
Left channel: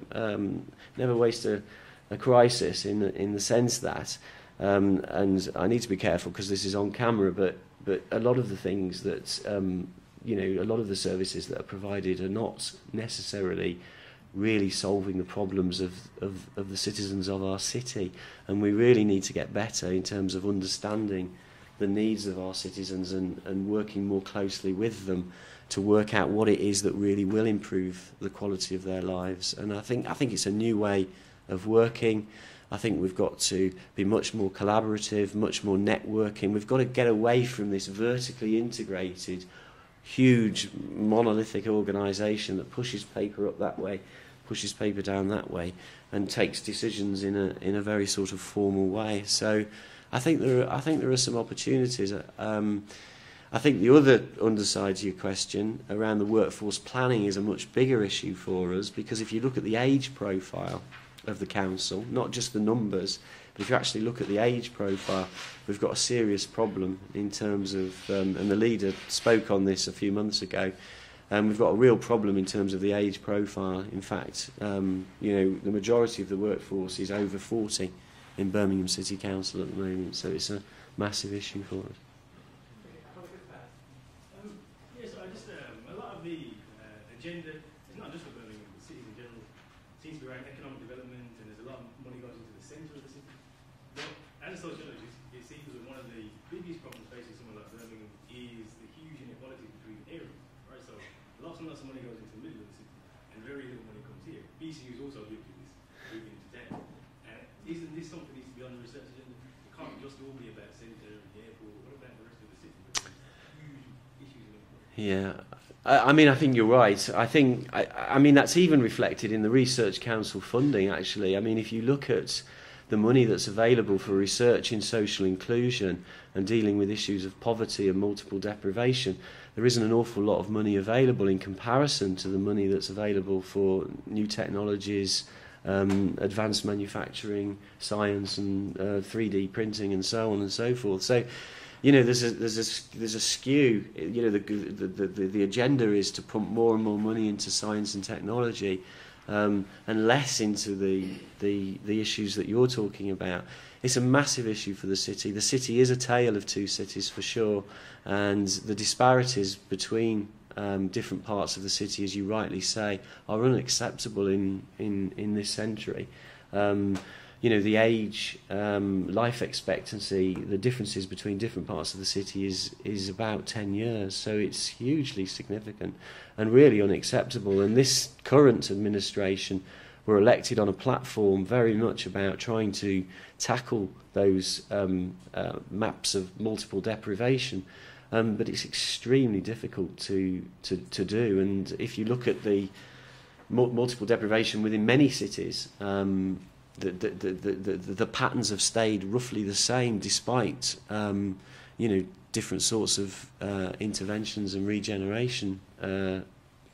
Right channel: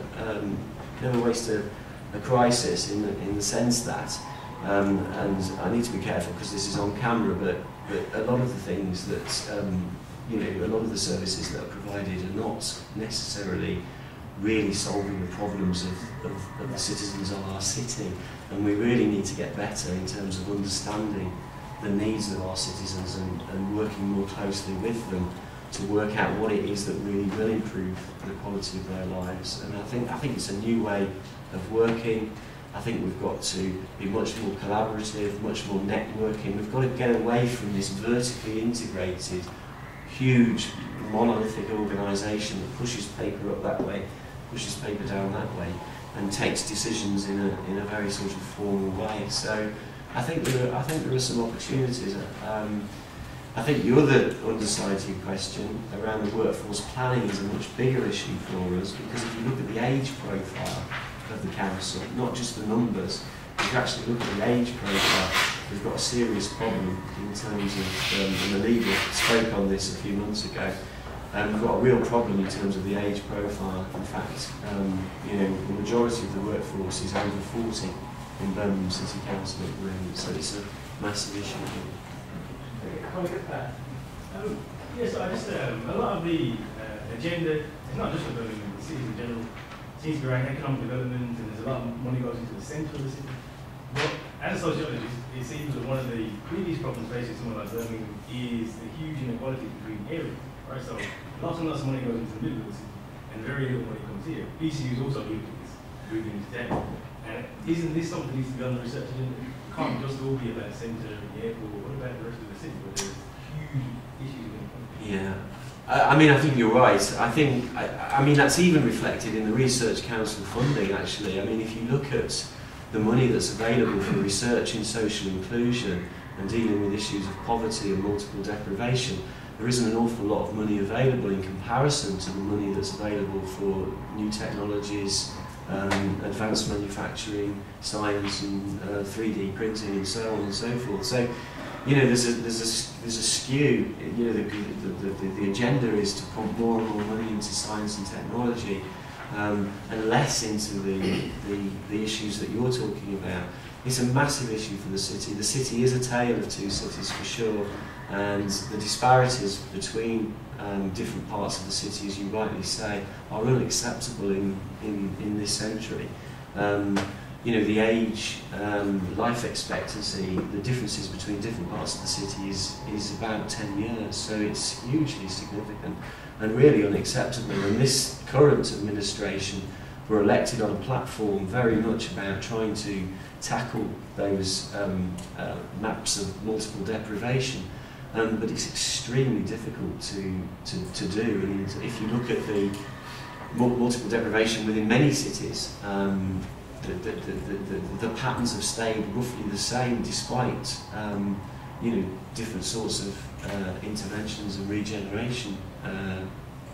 crisis in the sense that, and I need to be careful because this is on camera, but a lot of the things that a lot of the services that are provided are not necessarily really solving the problems of the citizens of our city, and we really need to get better in terms of understanding the needs of our citizens and working more closely with them to work out what it is that really will improve the quality of their lives. And I think it's a new way of working. I think we've got to be much more collaborative, much more networking. We've got to get away from this vertically integrated, huge monolithic organisation that pushes paper up that way, pushes paper down that way, and takes decisions in a very sort of formal way. So I think there are some opportunities. I think the other underside to your question around the workforce planning is a much bigger issue for us, because if you look at the age profile of the council, not just the numbers, if you actually look at the age profile, we've got a serious problem in terms of, and the leader spoke on this a few months ago, we've got a real problem in terms of the age profile. In fact, the majority of the workforce is over 40 in Birmingham City Council at the moment, so it's a massive issue for us. Yes, a lot of the agenda is not just for Birmingham, the city in general. Seems to be around economic development, and there's a lot of money goes into the centre of the city. But as a sociologist, it seems that one of the previous problems facing someone like Birmingham is the huge inequality between areas. Right? So lots and lots of money goes into the middle of the city, and very little money comes here. BCU is also moving into town. And isn't this something that needs to be on the research agenda? It can't just all be about the centre and the airport. What about the rest of the city? Where there's huge issues with inequality. Yeah. I think you're right. I mean that's even reflected in the Research Council funding, actually. I mean, if you look at the money that's available for research in social inclusion and dealing with issues of poverty and multiple deprivation, there isn't an awful lot of money available in comparison to the money that's available for new technologies, advanced manufacturing, science and 3D printing and so on and so forth. So, there's a skew. The agenda is to put more and more money into science and technology, and less into the issues that you're talking about. It's a massive issue for the city. The city is a tale of two cities for sure, and the disparities between different parts of the city, as you rightly say, are unacceptable in this century. The age, life expectancy, the differences between different parts of the city is about 10 years, so it's hugely significant and really unacceptable. And this current administration were elected on a platform very much about trying to tackle those maps of multiple deprivation, but it's extremely difficult to do. And if you look at the multiple deprivation within many cities, the patterns have stayed roughly the same despite different sorts of interventions and regeneration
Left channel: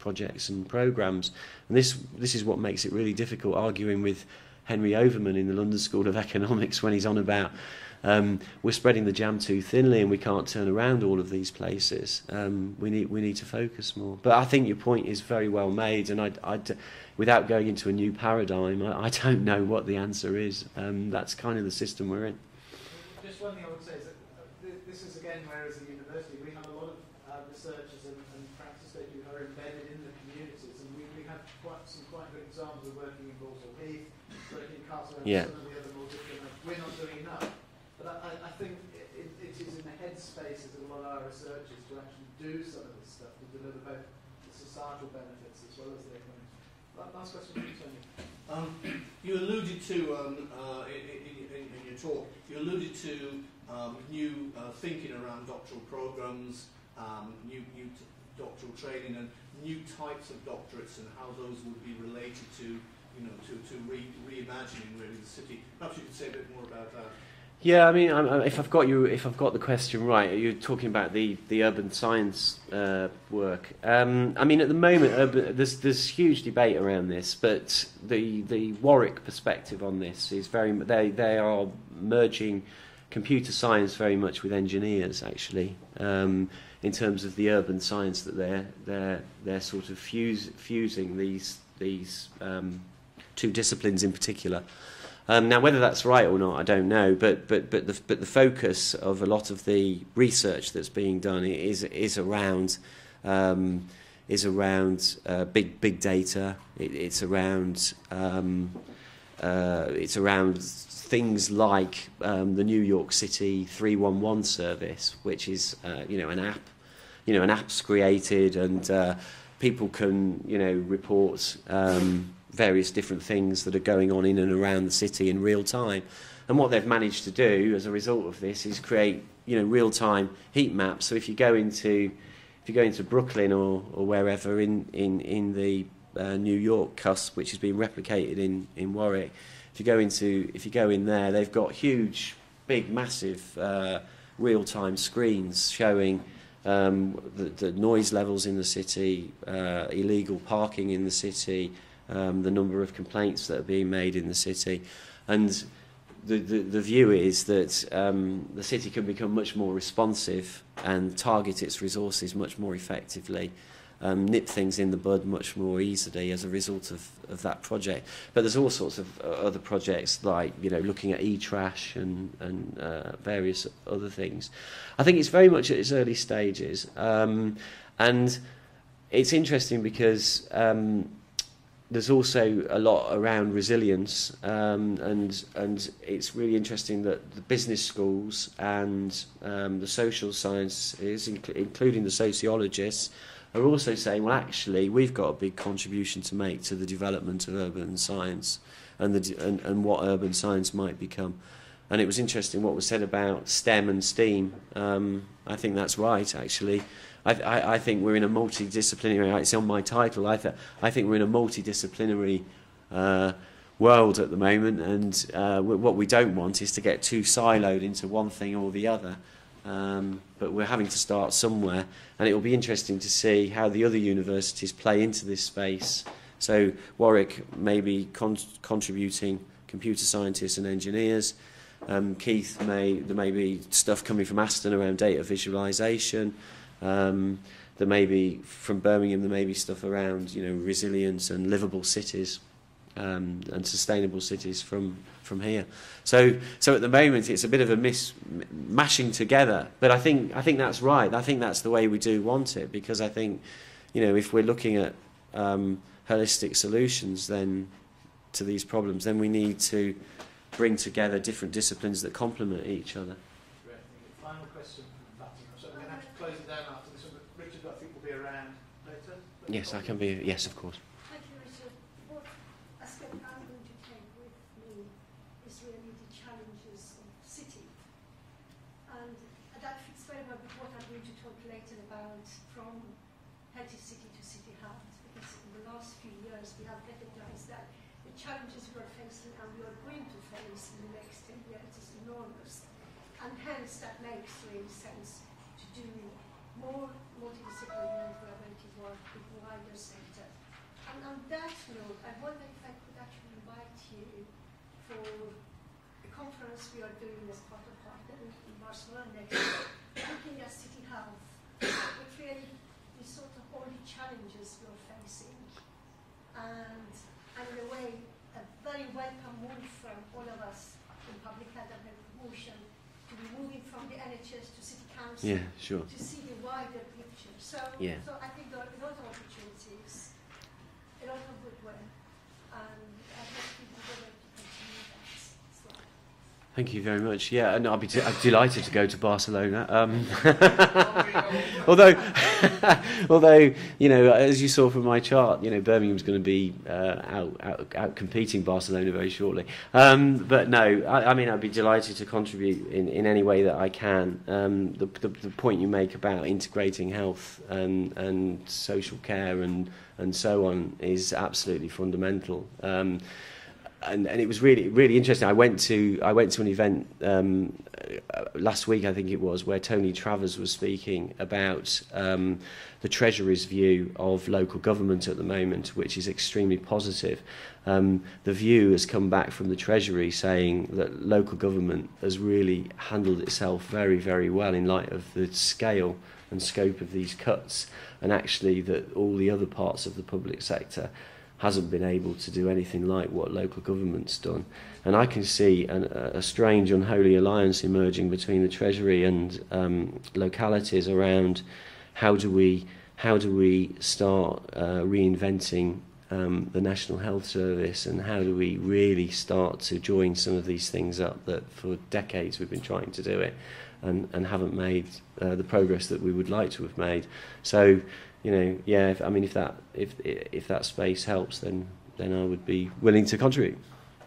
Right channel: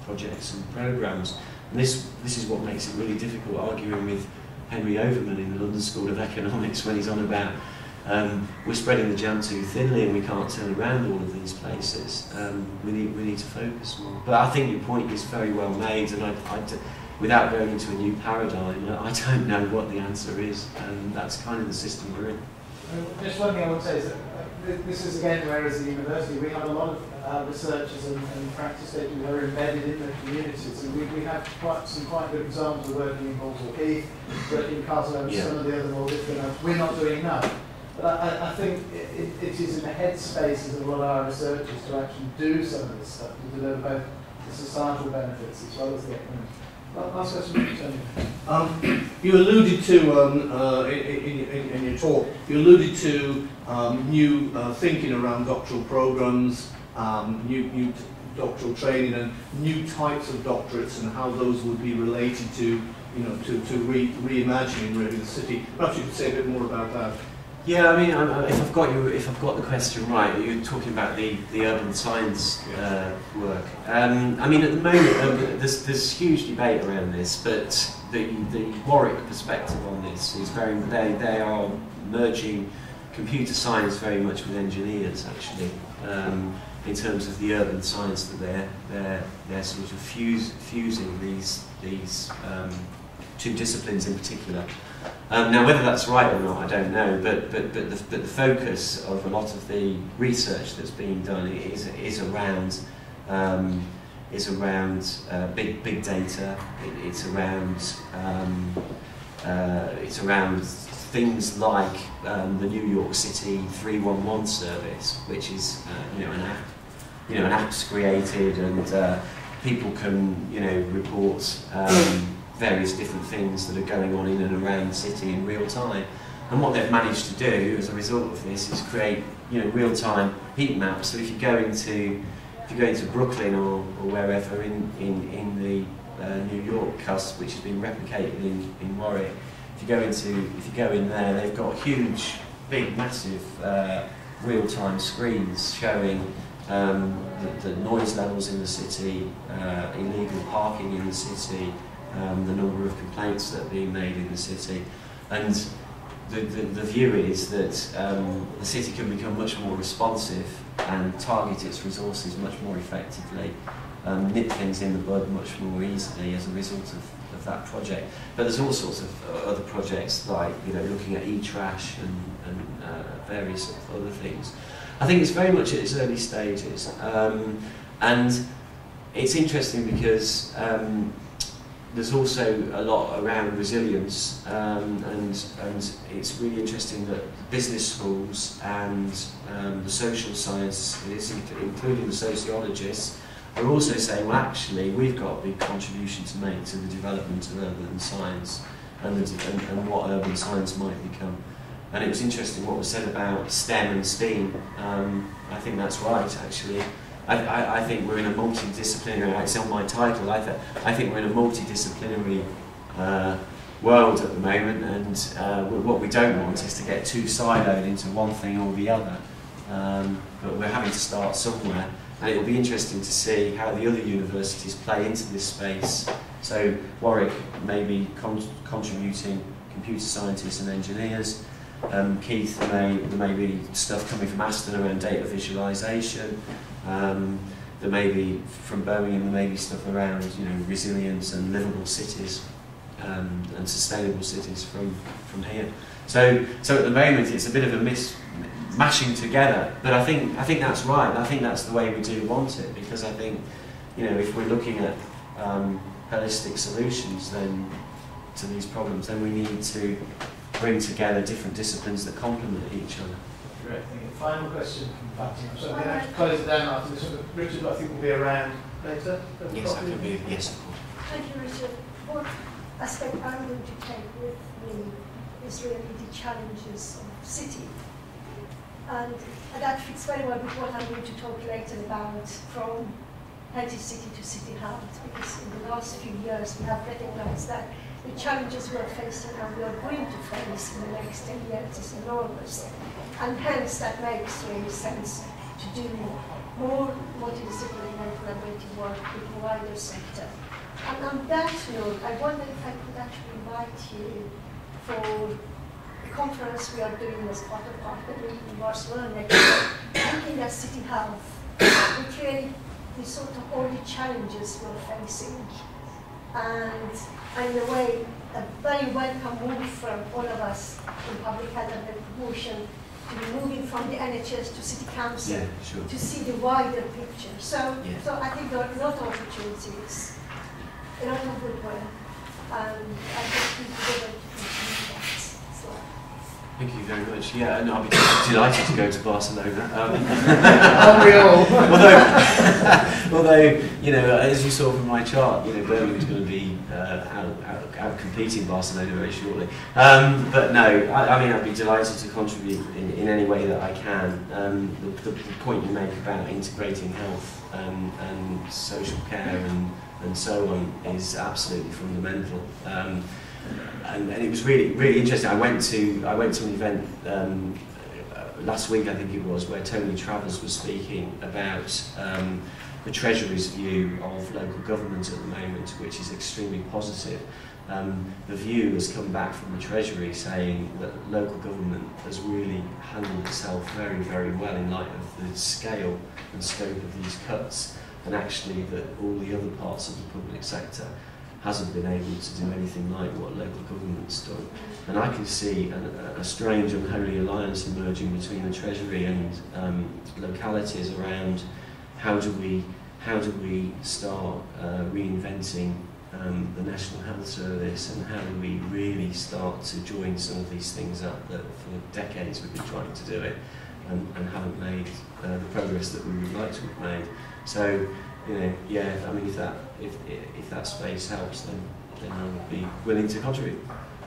projects and programmes. And this is what makes it really difficult arguing with Henry Overman in the London School of Economics when he's on about we're spreading the jam too thinly and we can't turn around all of these places. We need to focus more. But I think your point is very well made, and without going into a new paradigm, I don't know what the answer is, and that's kind of the system we're in. Just one thing I would say is that this is again where as a university we have a lot of researchers and practice stations who are embedded in the communities, and we have some quite good examples of working in Halsall Heath, working in Castle and some of the other more different ones. We're not doing enough. But I think it is in the headspaces of a lot of our researchers to actually do some of this stuff, to deliver both the societal benefits as well as the economic. Last question, Tony. You alluded to, in your talk, you alluded to new thinking around doctoral programs, new doctoral training and new types of doctorates and how those would be related to, to reimagining really the city. Perhaps you could say a bit more about that. Yeah, I mean, if I've got the question right, you're talking about the urban science work. I mean, at the moment, there's huge debate around this, but the Warwick perspective on this is they are merging computer science very much with engineers, actually, in terms of the urban science that they're sort of fusing these two disciplines in particular. Now, whether that's right or not, I don't know. But the focus of a lot of the research that's being done is around big data. It's around things like the New York City 311 service, which is an app's created and people can report. Various different things that are going on in and around the city in real time, and what they've managed to do as a result of this is create real-time heat maps. So if you go into Brooklyn or wherever in the New York cusp, which has been replicated in Warwick, if you go in there, they've got huge, big, massive real-time screens showing the noise levels in the city, illegal parking in the city. The number of complaints that are being made in the city, and the view is that the city can become much more responsive and target its resources much more effectively, nip things in the bud much more easily as a result of that project. But there's all sorts of other projects like looking at e-trash and various other things. I think it's very much at its early stages, and it's interesting because there's also a lot around resilience, and it's really interesting that business schools and the social sciences, including the sociologists, are also saying, well, actually, we've got a big contribution to make to the development of urban science and what urban science might become. And it was interesting what was said about STEM and STEAM. I think that's right, actually. I think we're in a multidisciplinary, it's on my title, I think we're in a multidisciplinary world at the moment, and what we don't want is to get too siloed into one thing or the other. But we're having to start somewhere, and it will be interesting to see how the other universities play into this space. So Warwick may be contributing computer scientists and engineers. Keith, there may be stuff coming from Aston around data visualization. There may be, from Birmingham, there may be stuff around resilience and livable cities and sustainable cities from here. So at the moment it's a bit of a mashing together, but I think that's right. I think that's the way we do want it, because I think if we're looking at holistic solutions then to these problems, then we need to bring together different disciplines that complement each other. Great, thank you. Final question from Fatima. So we're going to have to close it down after this. Richard, I think, will be around later. Yes, I can be. Yes, of course. Thank you, Richard. What aspect I'm going to take with me is really the challenges of the city. And that fits very well with what I'm going to talk later about from heritage city to city heart, because in the last few years we have recognized that the challenges we are facing and we are going to face in the next 10 years is enormous. And hence that makes really sense to do more multidisciplinary and collaborative work with the wider sector. And on that note, I wonder if I could actually invite you for the conference we are doing as part of partnering in Barcelona next year, looking at city health, and really the sort of all the challenges we're facing. And in a way, a very welcome move from all of us in public health and promotion to be moving from the NHS to City Council to see the wider picture. So I think there are a lot of opportunities, a lot of goodwill, and I think we together to continue that. So, Thank you very much. Yeah, and I'll be delighted to go to Barcelona. Aren't we all? although, you know, as you saw from my chart, you know, Birmingham's going to be out competing Barcelona very shortly. But no, I mean, I'd be delighted to contribute in any way that I can. The point you make about integrating health and social care and so on is absolutely fundamental. And it was really interesting. I went to an event last week, I think it was, where Tony Travers was speaking about the Treasury's view of local government at the moment, which is extremely positive. The view has come back from the Treasury saying that local government has really handled itself very, very well in light of the scale and scope of these cuts, and actually that all the other parts of the public sector hasn't been able to do anything like what local government's done. And I can see a strange unholy alliance emerging between the Treasury and localities around how do we start reinventing the National Health Service, and how do we really start to join some of these things up that for decades we've been trying to do it and haven't made the progress that we would like to have made. So, you know, yeah, I mean, if that space helps, then I would be willing to contribute.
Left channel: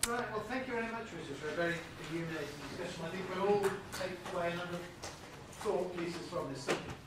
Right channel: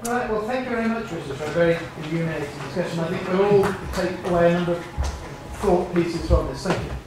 Right, well, thank you very much, Richard, for a very illuminating discussion. I think we'll all take away a number of thought pieces from this. Thank you.